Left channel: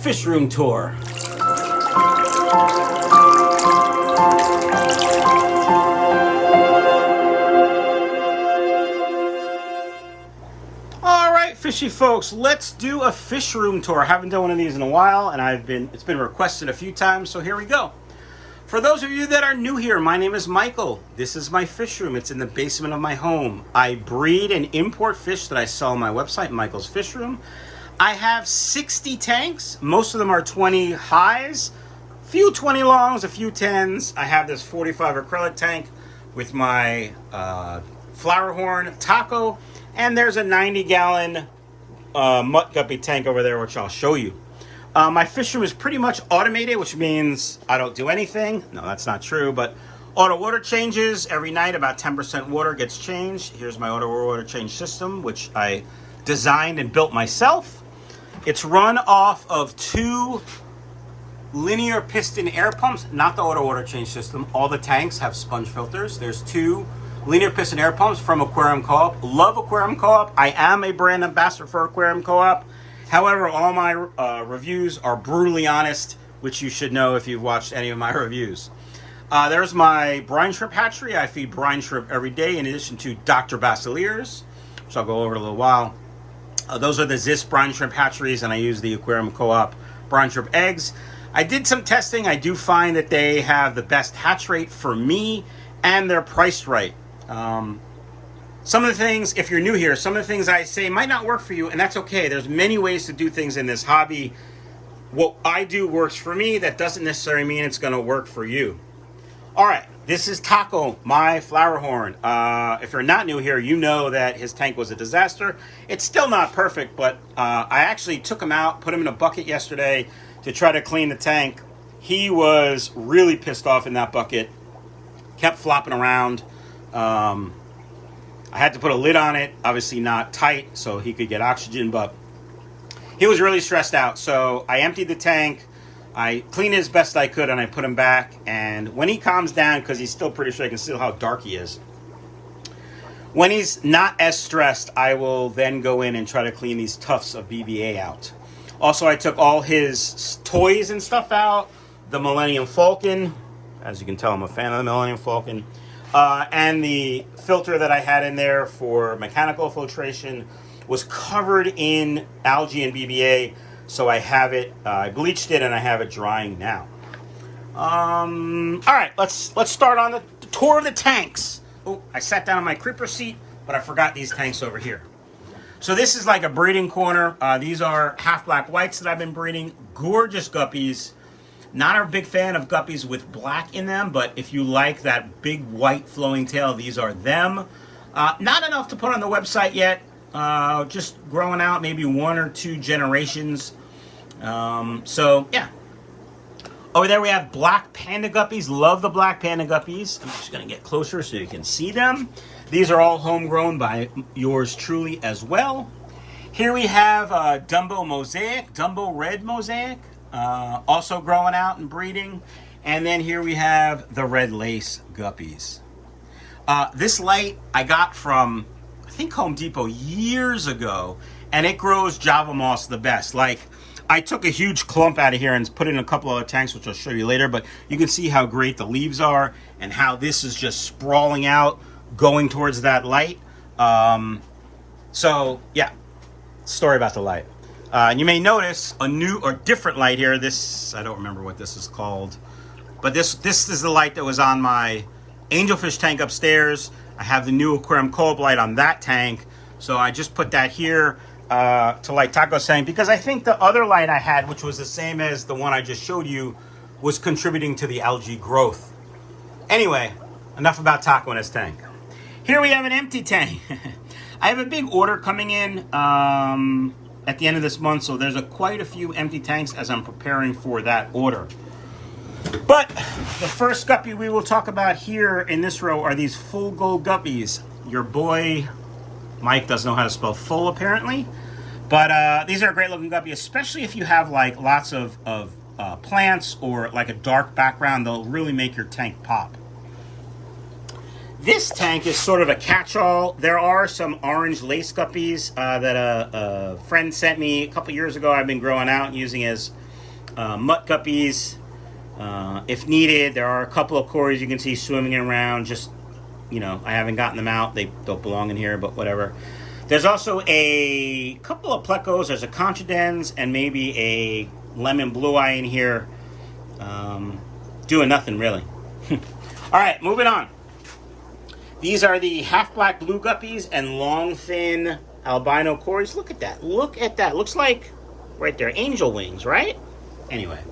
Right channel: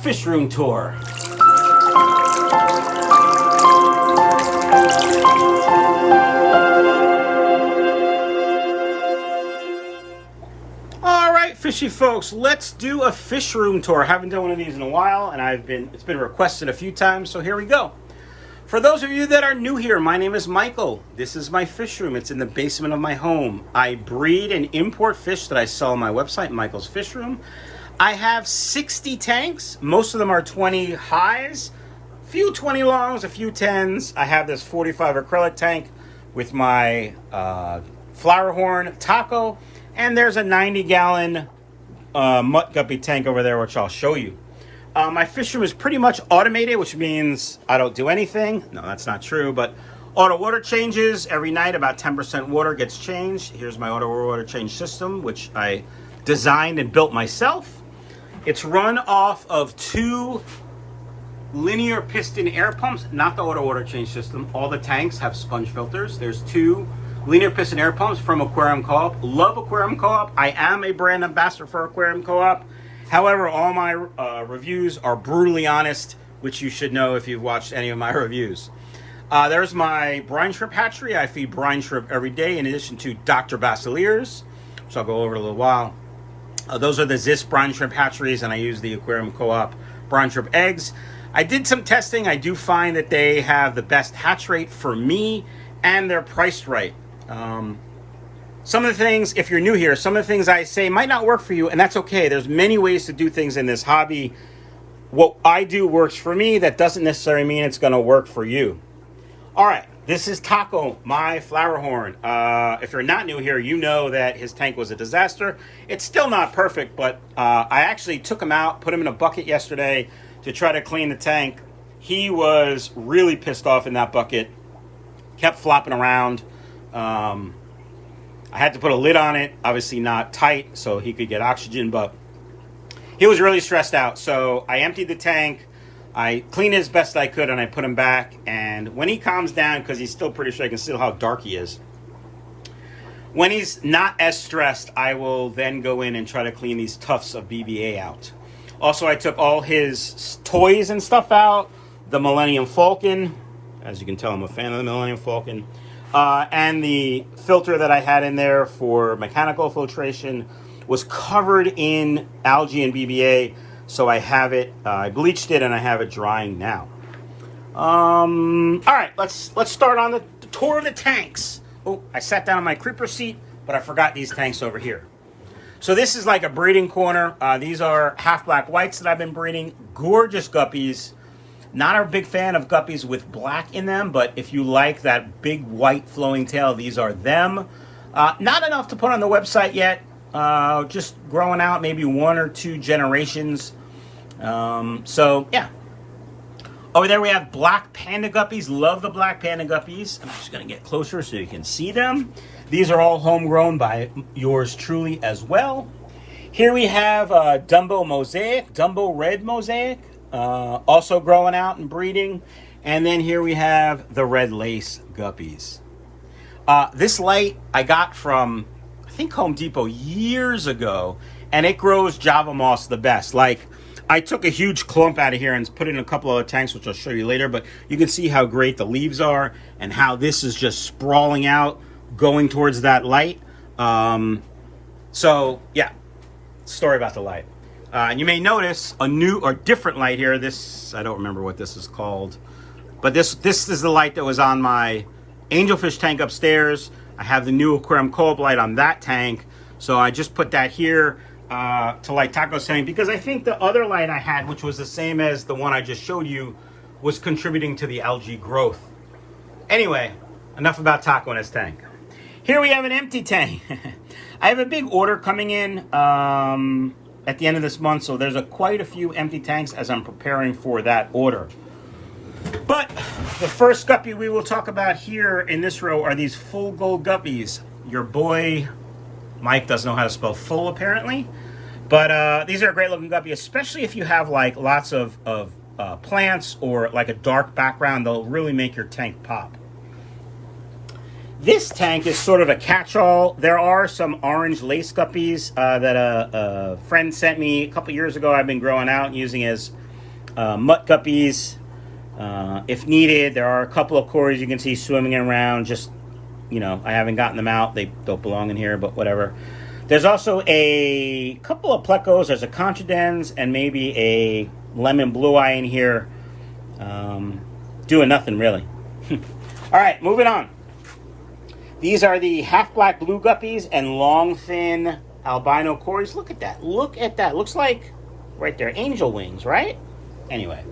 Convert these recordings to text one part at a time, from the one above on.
fish room tour. All right, fishy folks, let's do a fish room tour. I haven't done one of these in a while, and it's been requested a few times, so here we go. For those of you that are new here, my name is Michael. This is my fish room. It's in the basement of my home. I breed and import fish that I sell on my website, Michael's Fish Room. I have 60 tanks. Most of them are 20 highs, a few 20 longs, a few 10s. I have this 45 acrylic tank with my flower horn, taco, and there's a 90-gallon mutt guppy tank over there, which I'll show you. My fish room is pretty much automated, which means I don't do anything. No, that's not true, but auto water changes. Every night about 10% water gets changed. Here's my auto water change system, which I designed and built myself. It's run off of 2 linear piston air pumps, not the auto water change system. All the tanks have sponge filters. There's 2 linear piston air pumps from Aquarium Co Op. Love Aquarium Co Op. I am a brand ambassador for Aquarium Co Op. However, all my reviews are brutally honest, which you should know if you've watched any of my reviews. There's my brine shrimp hatchery. I feed brine shrimp every day in addition to Dr. Basiliers, which I'll go over in a little while. Those are the Zis brine shrimp hatcheries, and I use the Aquarium Co Op brine shrimp eggs. I did some testing. I do find that they have the best hatch rate for me, and they're priced right. Some of the things, if you're new here, some of the things I say might not work for you, and that's okay. There's many ways to do things in this hobby. What I do works for me. That doesn't necessarily mean it's going to work for you. All right, this is Taco, my flower horn. If you're not new here, you know that his tank was a disaster. It's still not perfect, but I actually took him out, put him in a bucket yesterday to try to clean the tank. He was really pissed off in that bucket, kept flopping around. I had to put a lid on it, obviously not tight, so he could get oxygen, but he was really stressed out. So I emptied the tank, I cleaned it as best I could, and I put him back. And when he calms down, because he's still pretty sure I can see how dark he is, when he's not as stressed, I will then go in and try to clean these tufts of BBA out. Also, I took all his toys and stuff out, the Millennium Falcon. As you can tell, I'm a fan of the Millennium Falcon. And the filter that I had in there for mechanical filtration was covered in algae and BBA, so I have it, I bleached it, and I have it drying now. All right, let's start on the tour of the tanks. Oh, I sat down on my creeper seat, but I forgot these tanks over here. So this is like a breeding corner. These are half black whites that I've been breeding. Gorgeous guppies. Not a big fan of guppies with black in them, but if you like that big white flowing tail, these are them. Not enough to put on the website yet. Just growing out, maybe 1 or 2 generations. So, yeah. Over there we have black panda guppies. Love the black panda guppies. I'm just going to get closer so you can see them. These are all homegrown by yours truly as well. Here we have Dumbo Mosaic, Dumbo Red Mosaic. Also growing out and breeding. And then here we have the red lace guppies. This light I got from, I think, Home Depot years ago, and it grows Java moss the best. Like, I took a huge clump out of here and put it in a couple other tanks, which I'll show you later, but you can see how great the leaves are and how this is just sprawling out, going towards that light. So, yeah, story about the light. And you may notice a new or different light here. This, I don't remember what this is called, but this is the light that was on my angelfish tank upstairs. I have the new Aquarium Co Op light on that tank, so I just put that here to light Taco's tank, because I think the other light I had, which was the same as the one I just showed you, was contributing to the algae growth. Anyway, enough about Taco and his tank. Here we have an empty tank. I have a big order coming in at the end of this month, so there's quite a few empty tanks as I'm preparing for that order. But the first guppy we will talk about here in this row are these full gold guppies. Your boy Mike doesn't know how to spell full, apparently, but these are a great looking guppy, especially if you have like lots of plants or like a dark background. They'll really make your tank pop. This tank is sort of a catch-all. There are some orange lace guppies that a friend sent me a couple years ago. I've been growing out and using as mutt guppies. If needed, there are a couple of cories you can see swimming around. Just, I haven't gotten them out. They don't belong in here, but whatever. There's also a couple of plecos. There's a contradens and maybe a lemon blue eye in here. Doing nothing, really. All right, moving on. These are the half black blue guppies and long fin albino cories. Look at that. Look at that. Looks like, right there, angel wings, right? Anyway,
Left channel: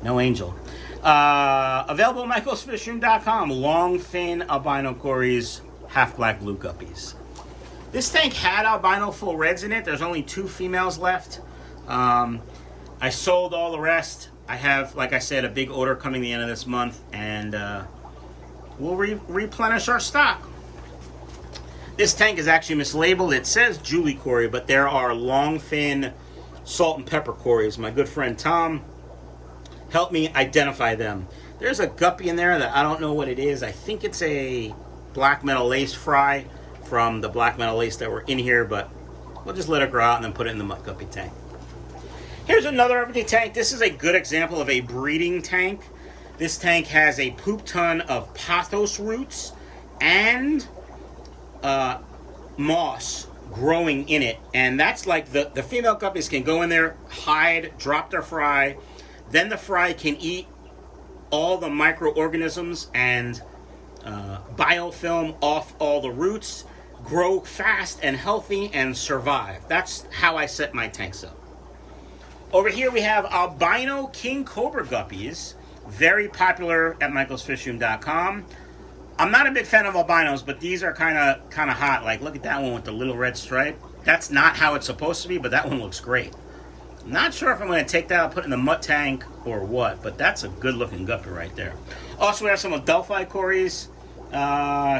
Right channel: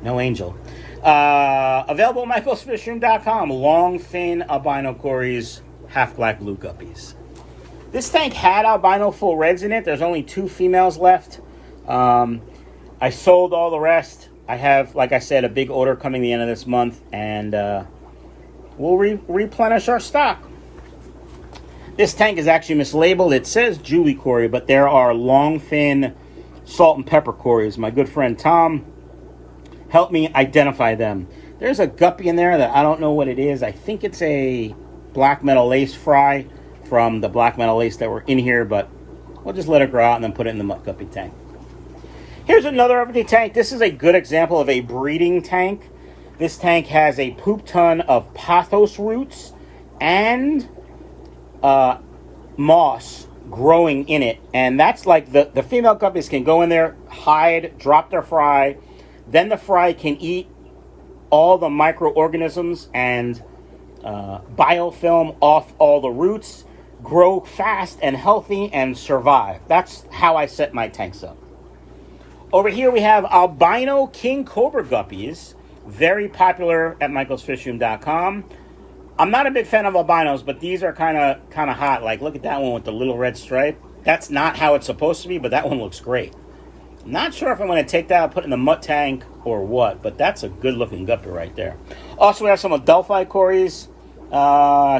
no angel. Available at michaelsfishroom.com. Long fin albino cories, half black blue guppies. This tank had albino full reds in it. There's only 2 females left. I sold all the rest. I have, like I said, a big order coming the end of this month, and we'll replenish our stock. This tank is actually mislabeled. It says Julie cory, but there are long fin salt and pepper cories. My good friend Tom helped me identify them. There's a guppy in there that I don't know what it is. I think it's a black metal lace fry from the black metal lace that were in here, but we'll just let it grow out and then put it in the mutt guppy tank. Here's another everyday tank. This is a good example of a breeding tank. This tank has a poop ton of pothos roots and moss growing in it. And that's like the female guppies can go in there, hide, drop their fry. Then the fry can eat all the microorganisms and biofilm off all the roots, grow fast and healthy, and survive. That's how I set my tanks up. Over here we have albino king cobra guppies, very popular at michaelsfishroom.com. I'm not a big fan of albinos, but these are kind of hot. Like, look at that one with the little red stripe. That's not how it's supposed to be, but that one looks great. I'm not sure if I'm going to take that and put it in the mutt tank or what, but that's a good-looking guppy right there. Also, we have some Adelphi cories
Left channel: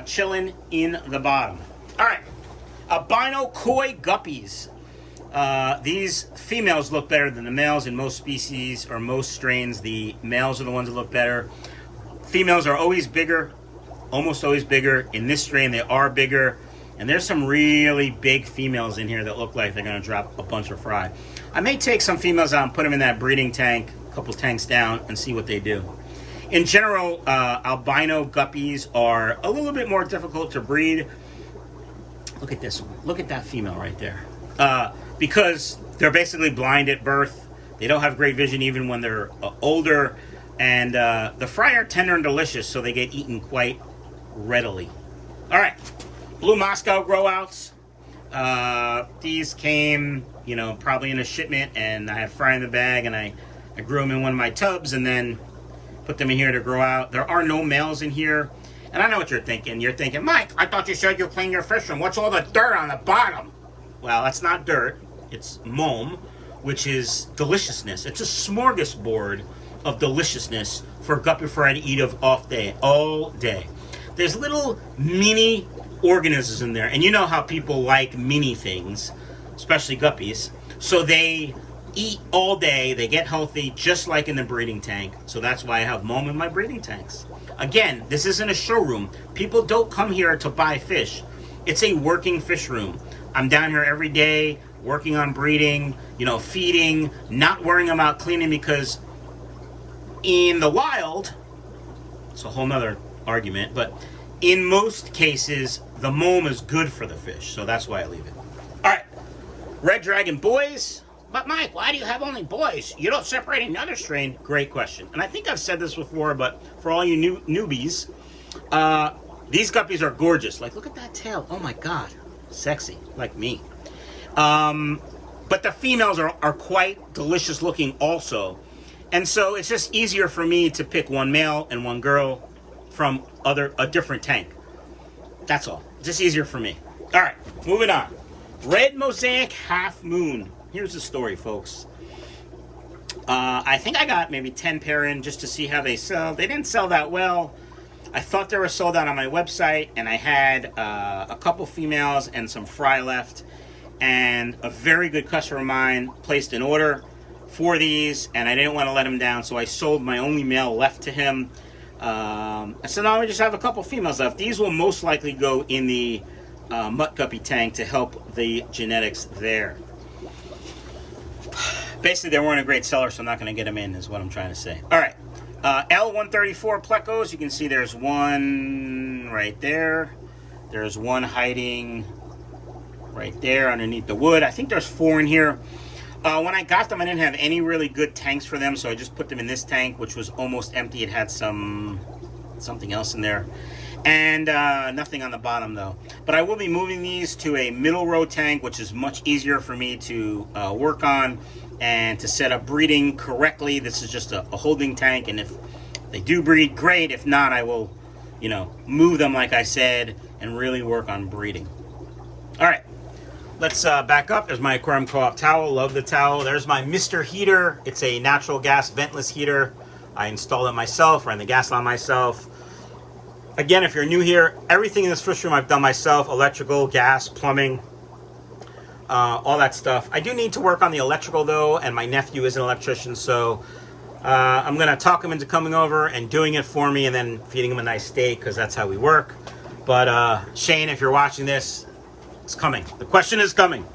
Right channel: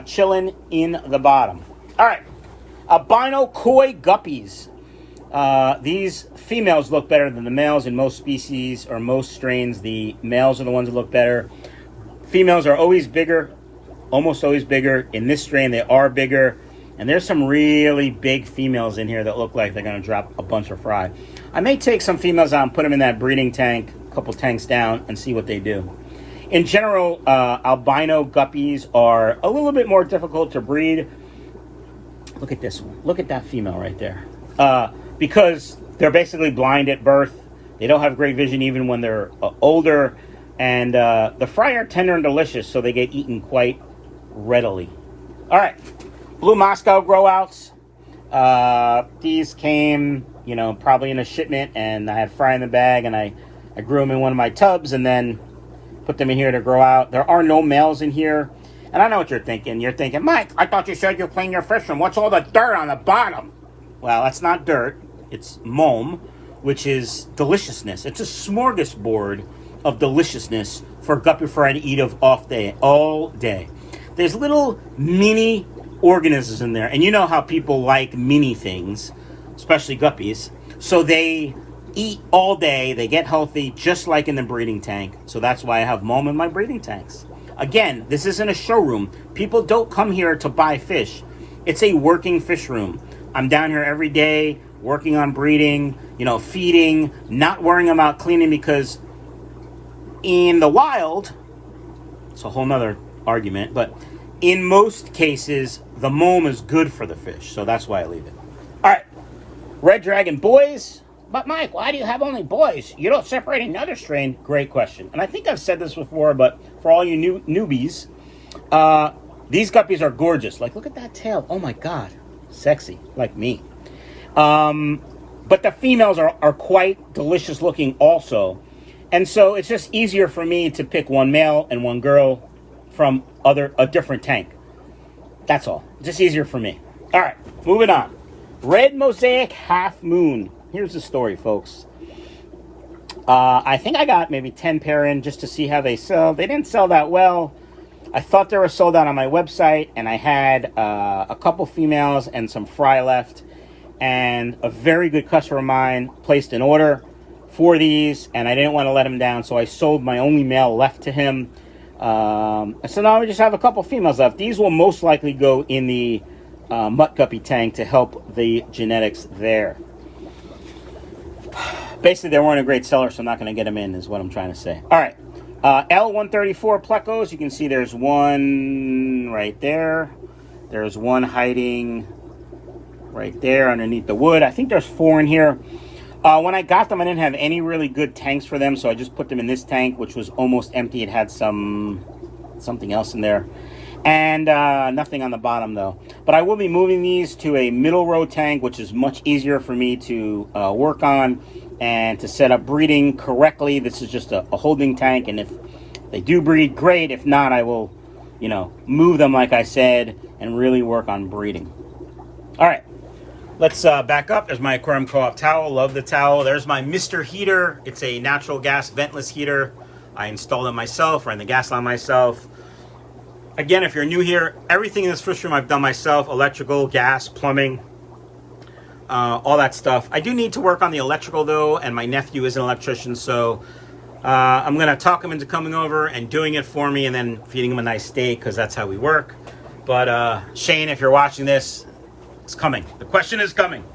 chilling in the bottom. All right, albino koi guppies. These females look better than the males in most species or most strains. The males are the ones that look better. Females are always bigger, almost always bigger. In this strain, they are bigger. And there's some really big females in here that look like they're going to drop a bunch of fry. I may take some females out and put them in that breeding tank, a couple tanks down, and see what they do. In general, albino guppies are a little bit more difficult to breed. Look at this one. Look at that female right there. Because they're basically blind at birth. They don't have great vision even when they're older. And the fry are tender and delicious, so they get eaten quite readily. All right. Blue Moscow grow-outs. These came, probably in a shipment, and I had fry in the bag, and I grew them in one of my tubs and then put them in here to grow out. There are no males in here. And I know what you're thinking. You're thinking, Mike, I thought you said you cleaned your fish room. What's all the dirt on the bottom? Well, that's not dirt. It's mom, which is deliciousness. It's a smorgasbord of deliciousness for guppy fry to eat of all day. There's little mini organisms in there. And you know how people like mini things, especially guppies. So they eat all day. They get healthy, just like in the breeding tank. So that's why I have mom in my breeding tanks. Again, this isn't a showroom. People don't come here to buy fish. It's a working fish room. I'm down here every day working on breeding, feeding, not worrying about cleaning, because in the wild, it's a whole nother argument, but in most cases, the mom is good for the fish, so that's why I leave it. All right, red dragon boys. But Mike, why do you have only boys? You don't separate another strain? Great question. And I think I've said this before, but for all you newbies, these guppies are gorgeous. Like, look at that tail. Oh my God, sexy, like me. But the females are quite delicious looking also. And so it's just easier for me to pick one male and one girl from a different tank. That's all. Just easier for me. All right, moving on. Red Mosaic Half Moon. Here's the story, folks. I think I got maybe 10 pair in just to see how they sell. They didn't sell that well. I thought they were sold out on my website, and I had a couple females and some fry left. And a very good customer of mine placed an order for these, and I didn't want to let him down, so I sold my only male left to him. So now we just have a couple females left. These will most likely go in the mutt guppy tank to help the genetics there. Basically, they weren't a great seller, so I'm not going to get them in, is what I'm trying to say. All right. L134 plecos. You can see there's one right there. There's one hiding right there underneath the wood. I think there's 4 in here. When I got them, I didn't have any really good tanks for them, so I just put them in this tank, which was almost empty. It had something else in there. And nothing on the bottom, though. But I will be moving these to a middle row tank, which is much easier for me to work on and to set up breeding correctly. This is just a holding tank, and if they do breed, great. If not, I will, you know, move them, like I said, and really work on breeding. All right. Let's back up. There's my Aquarium Co Op towel. Love the towel. There's my Mr. Heater. It's a natural gas ventless heater. I installed it myself, ran the gas line myself. Again, if you're new here, everything in this fish room I've done myself. Electrical, gas, plumbing, all that stuff. I do need to work on the electrical, though, and my nephew is an electrician, so I'm going to talk him into coming over and doing it for me and then feeding him a nice steak, because that's how we work. But Shane, if you're watching this, it's coming. The question is coming.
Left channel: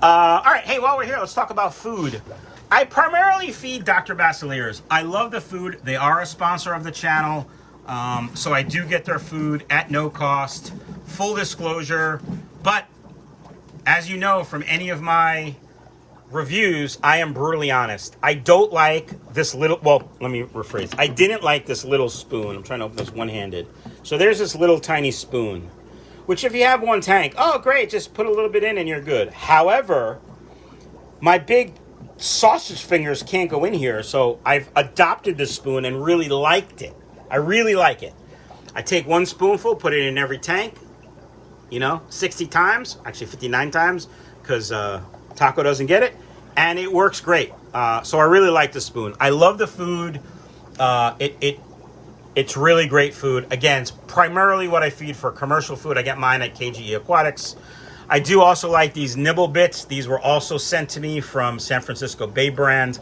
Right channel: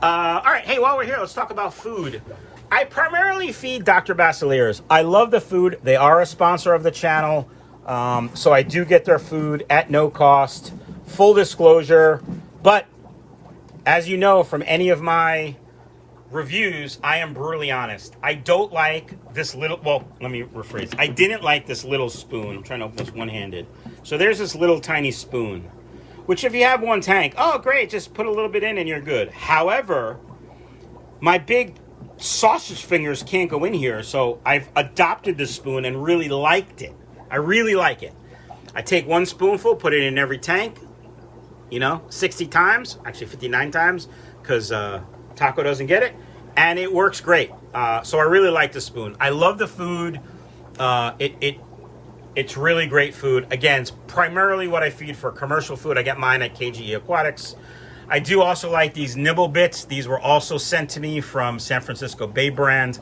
All right, hey, while we're here, let's talk about food. I primarily feed Dr. Basilears. I love the food. They are a sponsor of the channel. So I do get their food at no cost, full disclosure. But as you know from any of my reviews, I am brutally honest. I don't like this little, well, let me rephrase. I didn't like this little spoon. I'm trying to open this one-handed. So there's this little tiny spoon, which if you have one tank, oh, great, just put a little bit in and you're good. However, my big sausage fingers can't go in here, so I've adopted the spoon and really liked it. I really like it. I take one spoonful, put it in every tank, you know, 60 times, actually 59 times, because Taco doesn't get it, and it works great. So I really like the spoon. I love the food. It's really great food. Again, it's primarily what I feed for commercial food. I get mine at KJE Aquatics. I do also like these nibble bits. These were also sent to me from San Francisco Bay brand.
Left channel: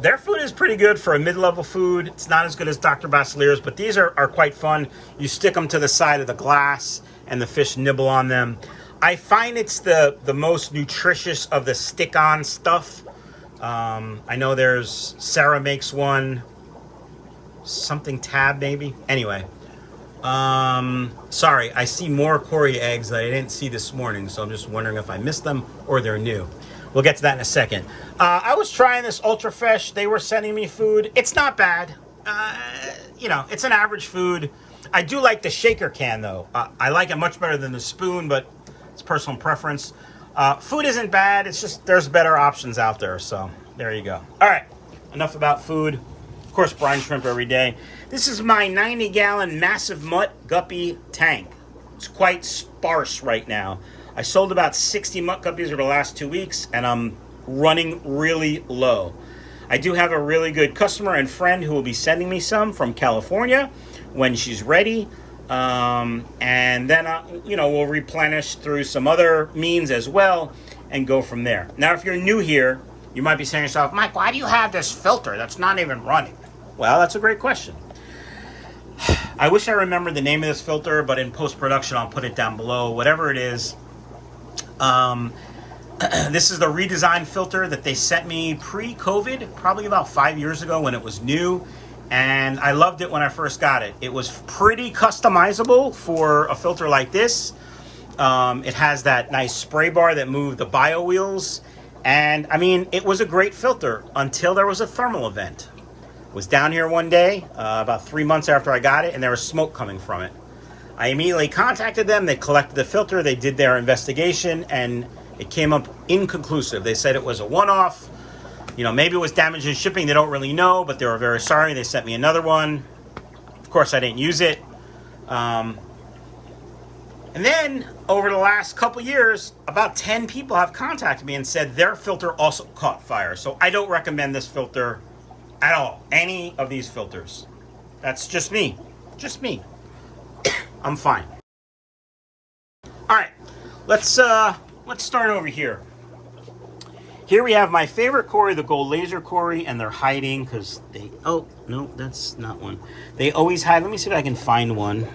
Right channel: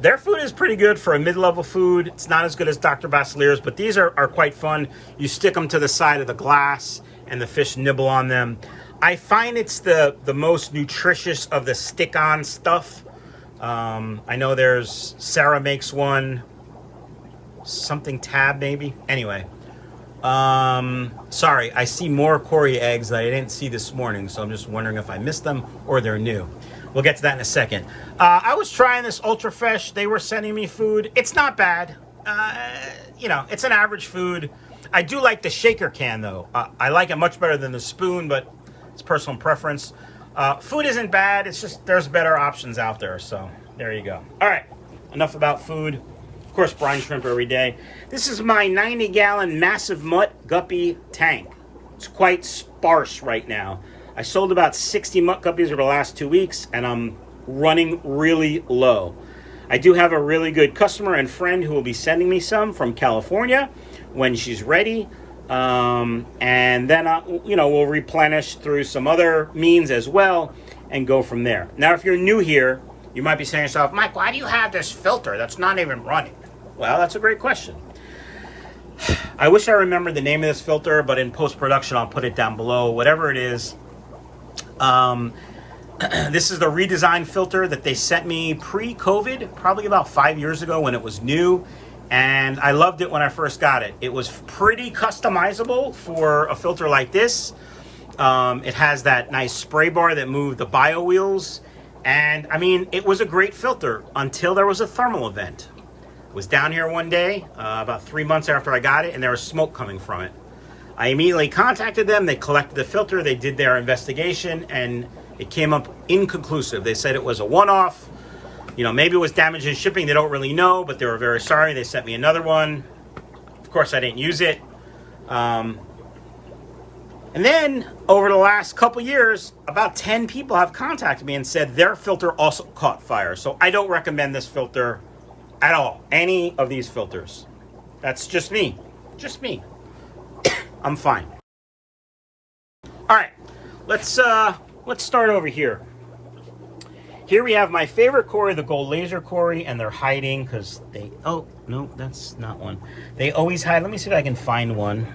Their food is pretty good for a mid-level food. It's not as good as Dr. Basilears, but these are quite fun. You stick them to the side of the glass, and the fish nibble on them. I find it's the most nutritious of the stick-on stuff. I know there's, Sarah makes one, something tab maybe. Anyway, sorry, I see more Cory eggs that I didn't see this morning, so I'm just wondering if I missed them or they're new. We'll get to that in a second. I was trying this Ultra Fresh. They were sending me food. It's not bad. You know, it's an average food. I do like the shaker can, though. I like it much better than the spoon, but it's personal preference. Food isn't bad. It's just there's better options out there, so there you go. All right, enough about food. Of course, brine shrimp every day. This is my 90-gallon massive mutt guppy tank. It's quite sparse right now. I sold about 60 mutt guppies over the last 2 weeks, and I'm running really low. I do have a really good customer and friend who will be sending me some from California when she's ready. And then, you know, we'll replenish through some other means as well and go from there. Now, if you're new here, you might be saying to yourself, Mike, why do you have this filter that's not even running? Well, that's a great question. I wish I remembered the name of this filter, but in post-production, I'll put it down below. Whatever it is, this is the redesigned filter that they sent me pre-COVID, probably about 5 years ago when it was new. And I loved it when I first got it. It was pretty customizable for a filter like this. It has that nice spray bar that moved the bio wheels. And I mean, it was a great filter until there was a thermal event. Was down here one day, about 3 months after I got it, and there was smoke coming from it. I immediately contacted them. They collected the filter. They did their investigation, and it came up inconclusive. They said it was a one-off. You know, maybe it was damage in shipping. They don't really know, but they were very sorry. They sent me another one. Of course, I didn't use it. And then, over the last couple years, about 10 people have contacted me and said their filter also caught fire. So I don't recommend this filter at all. Any of these filters. That's just me. Just me. I'm fine. All right, let's start over here. Here we have my favorite Cory, the gold laser Cory, and they're hiding because they, oh, no, that's not one. They always hide. Let me see if I can find one.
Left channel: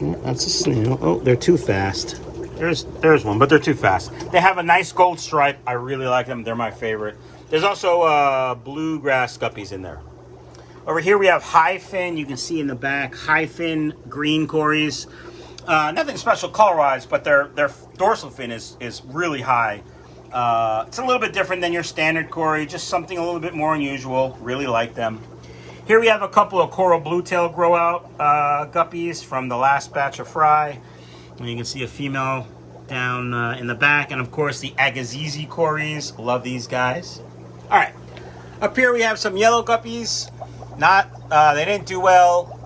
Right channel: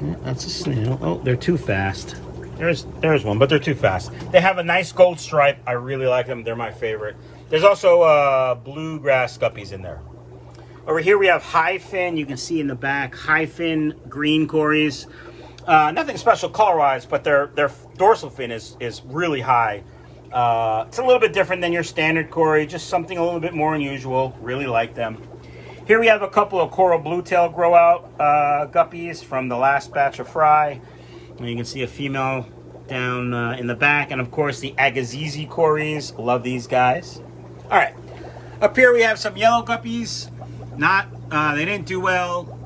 Yeah, that's a snail. Oh, they're too fast. There's one, but they're too fast. They have a nice gold stripe. I really like them. They're my favorite. There's also bluegrass guppies in there. Over here we have high fin. You can see in the back, high fin green cories. Nothing special color-wise, but their dorsal fin is really high. It's a little bit different than your standard cory, just something a little bit more unusual. Really like them. Here we have a couple of coral bluetail grow out guppies from the last batch of fry. And you can see a female down in the back, and of course the Agassiz cories. Love these guys. All right, up here we have some yellow guppies. They didn't do well.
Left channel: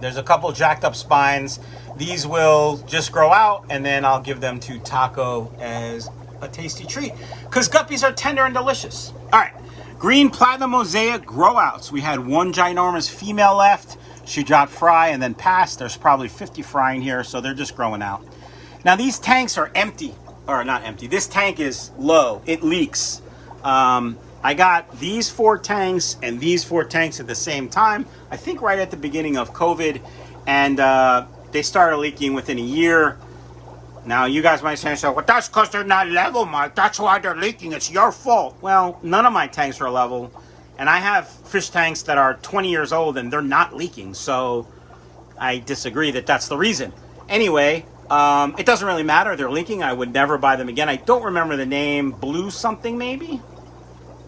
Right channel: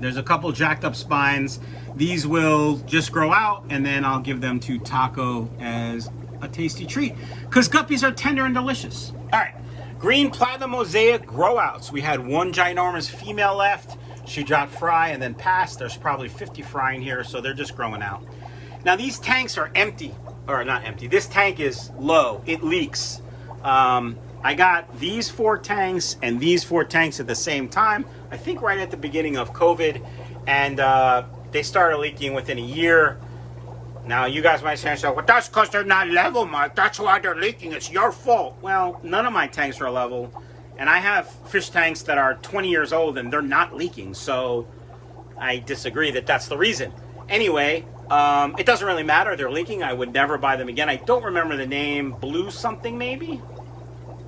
There's a couple jacked up spines. These will just grow out, and then I'll give them to Taco as a tasty treat, because guppies are tender and delicious. All right, green platinum mosaic grow outs. We had one ginormous female left. She dropped fry and then passed. There's probably 50 fry in here, so they're just growing out. Now these tanks are empty, or not empty. This tank is low. It leaks. I got these 4 tanks and these 4 tanks at the same time, I think right at the beginning of COVID, and they started leaking within a year. Now you guys might say, well, that's because they're not level, Mike. That's why they're leaking. It's your fault. Well, none of my tanks are level, and I have fish tanks that are 20 years old and they're not leaking, so I disagree that that's the reason. Anyway, it doesn't really matter. They're leaking. I would never buy them again. I don't remember the name. Blue something maybe?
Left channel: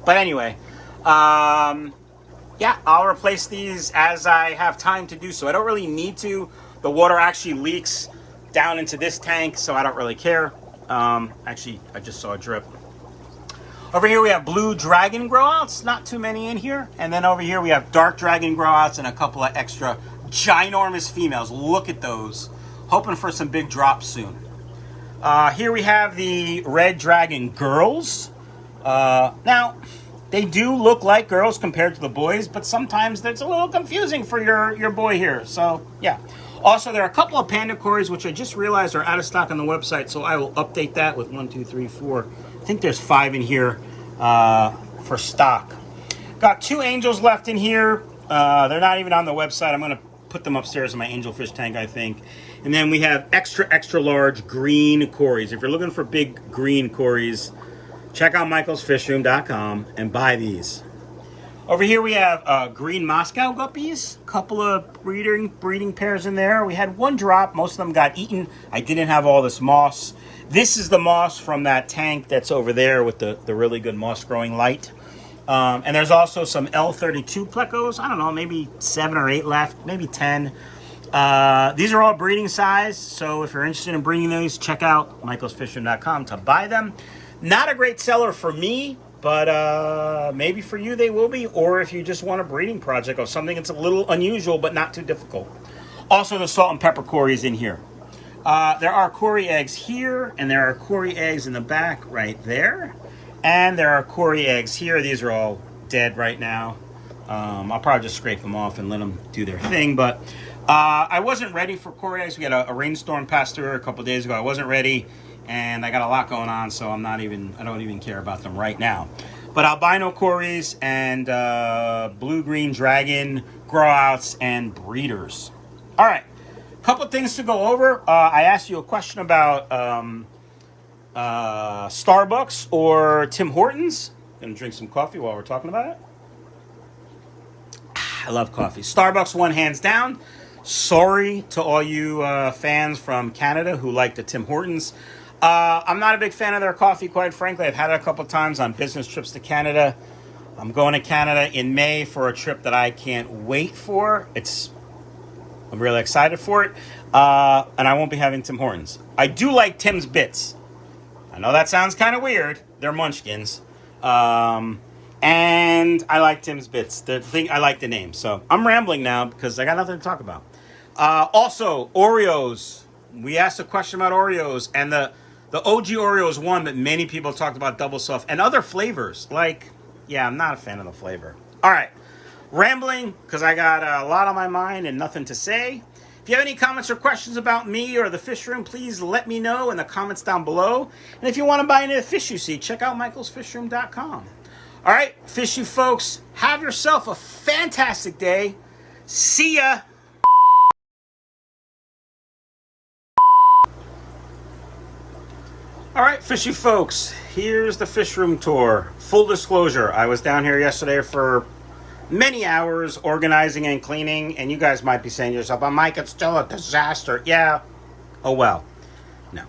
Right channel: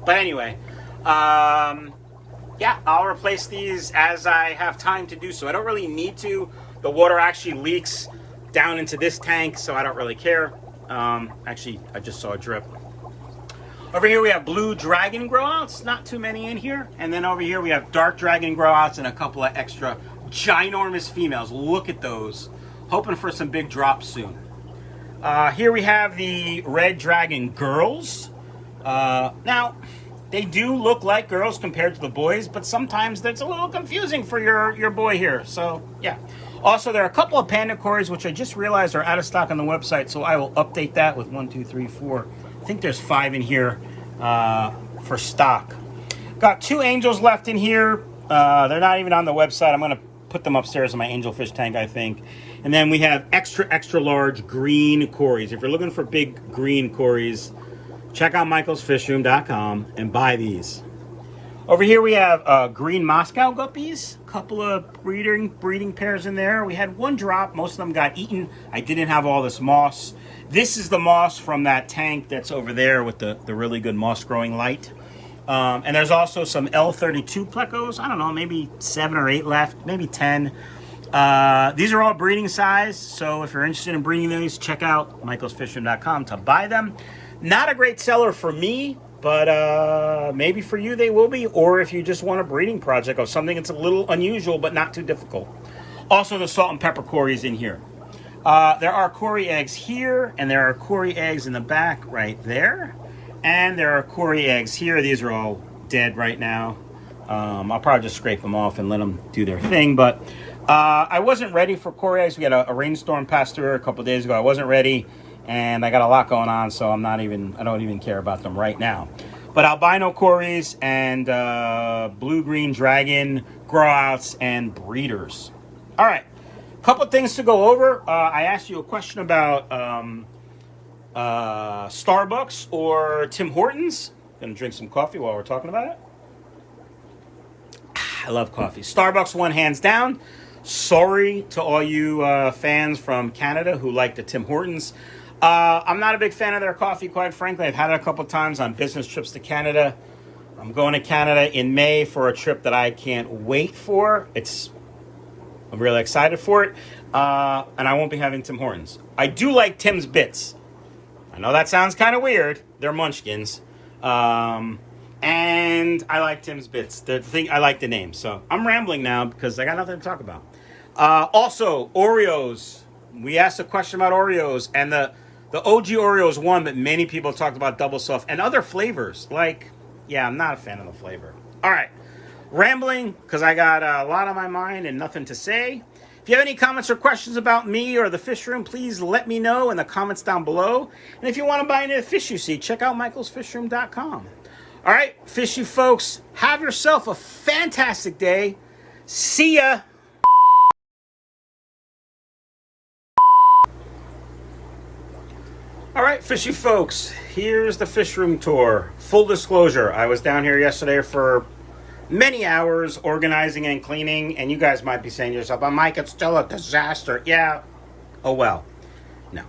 But anyway, yeah, I'll replace these as I have time to do so. I don't really need to. The water actually leaks down into this tank, so I don't really care. Actually, I just saw a drip. Over here we have blue dragon growouts, not too many in here. And then over here we have dark dragon growouts and a couple of extra ginormous females. Look at those. Hoping for some big drops soon. Here we have the red dragon girls. Now, they do look like girls compared to the boys, but sometimes that's a little confusing for your boy here. So, yeah. Also, there are a couple of panda cories, which I just realized are out of stock on the website, so I will update that with 1, 2, 3, 4. I think there's 5 in here for stock. Got 2 angels left in here. They're not even on the website. I'm going to put them upstairs in my angelfish tank, I think. And then we have extra large green cories. If you're looking for big green cories, check out michaelsfishroom.com and buy these. Over here we have green Moscow guppies. A couple of breeding pairs in there. We had 1 drop. Most of them got eaten. I didn't have all this moss. This is the moss from that tank that's over there with the really good moss growing light. And there's also some L32 plecos. I don't know, maybe 7 or 8 left, maybe 10. These are all breeding size, so if you're interested in bringing these, check out michaelsfishroom.com to buy them. Not a great seller for me, but maybe for you they will be, or if you just want a breeding project or something that's a little unusual but not too difficult. Also, the salt and pepper cories in here. There are cory eggs here, and there are cory eggs in the back right there. And there are cory eggs here. These are all dead right now. I'll probably just scrape them off and let them do their thing. But I wasn't ready for cory eggs. We had a rainstorm pass through a couple of days ago. I wasn't ready, and I got a lot going on, so I don't even care about them right now. But albino cories and blue-green dragon growouts and breeders. All right, couple things to go over. I asked you a question about Starbucks or Tim Hortons. Gonna drink some coffee while we're talking about it. I love coffee. Starbucks won hands down. Sorry to all you fans from Canada who like the Tim Hortons. I'm not a big fan of their coffee, quite frankly. I've had it a couple times on business trips to Canada. I'm going to Canada in May for a trip that I can't wait for. I'm really excited for it. And I won't be having Tim Hortons. I do like Tim's Bits. I know that sounds kind of weird. They're munchkins. And I like Tim's Bits. I like the name. So I'm rambling now because I got nothing to talk about. Also, Oreos. We asked a question about Oreos. And the OG Oreo is one that many people talked about, double soft. And other flavors. I'm not a fan of the flavor. All right. Rambling because I got a lot on my mind and nothing to say. If you have any comments or questions about me or the fish room, please let me know in the comments down below. And if you want to buy any of the fish you see, check out michaelsfishroom.com. All right, fish you folks, have yourself a fantastic day. See ya. Fishy folks, here's the fish room tour. Full disclosure, I was down here yesterday for many hours organizing and cleaning, and you guys might be saying to yourself, "Oh, Mike, it's still a disaster." Yeah. Oh well. No.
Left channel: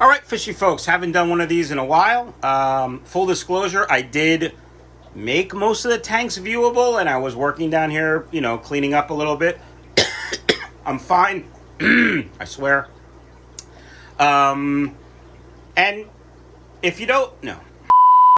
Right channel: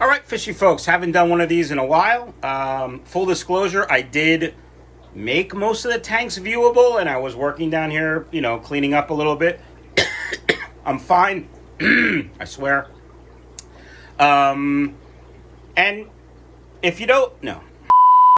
All right, fishy folks, haven't done one of these in a while. Full disclosure, I did make most of the tanks viewable, and I was working down here, cleaning up a little bit. I'm fine. I swear. And if you don't know,